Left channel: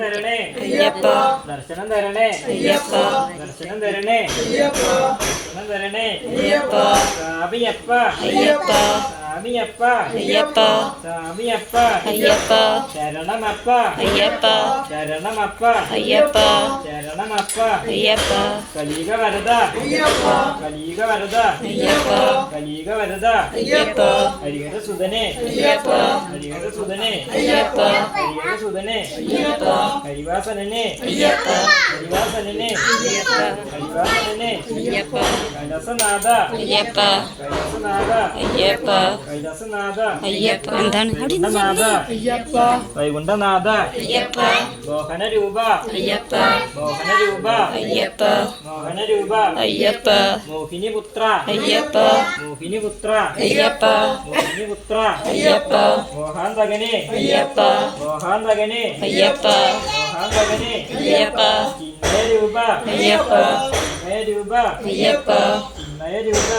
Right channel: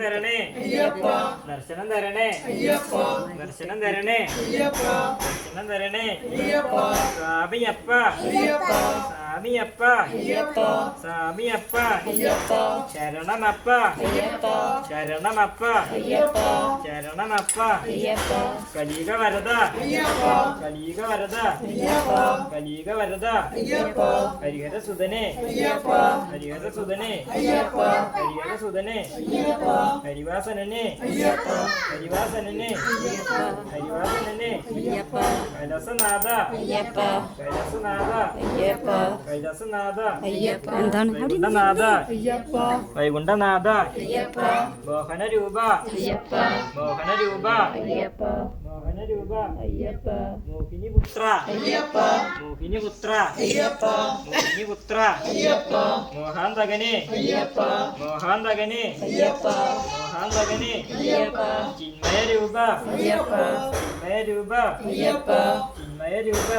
തരണേ അയ്യപ്പ ദർശനം തരണേ അയ്യപ്പ ദർശനം തരണേ അയ്യപ്പ ദർശനം തരണേ അയ്യപ്പ സ്വാമിയപ്പ അയ്യപ്പ സ്വാമിയപ്പ അയ്യപ്പ സ്വാമിയപ്പ അയ്യപ്പ ശരണമപ്പ അയ്യപ്പ ശരണമപ്പ അയ്യപ്പ ശരണമപ്പ അയ്യപ്പ കലിയുഗ വരദ അയ്യപ്പ കലിയുഗ വരദ അയ്യപ്പ കലിയുഗ വരദ അയ്യപ്പ ഹരിഹര സുതനെ അയ്യപ്പ ഹരിഹര സുതനെ അയ്യപ്പ ഹരിഹര സുതനെ അയ്യപ്പ ഹരിവാസനനെ അയ്യപ്പ ഹരിവാസനനെ അയ്യപ്പ ഹരിവാസനനെ അയ്യപ്പ കൈലാസനാഥ അയ്യപ്പ കൈലാസനാഥ അയ്യപ്പ കൈലാസനാഥ അയ്യപ്പ എന്താണ് വൈകുണ്ഠനാഥ അയ്യപ്പ വൈകുണ്ഠനാഥ അയ്യപ്പ മോഹനരൂപ അയ്യപ്പ മോഹനരൂപ അയ്യപ്പ മോഹനരൂപ അയ്യപ്പ മോഹിനിപുത്ര അയ്യപ്പ മോഹിനിപുത്ര അയ്യപ്പ മോഹിനിപുത്ര അയ്യപ്പ മോഹാന്തകനെ അയ്യപ്പ മോഹാന്തകനെ അയ്യപ്പ മോഹാന്തകനെ അയ്യപ്പ ചിന്മയരൂപ അയ്യപ്പ ചിന്മയരൂപ അയ്യപ്പ ചിന്മയരൂപ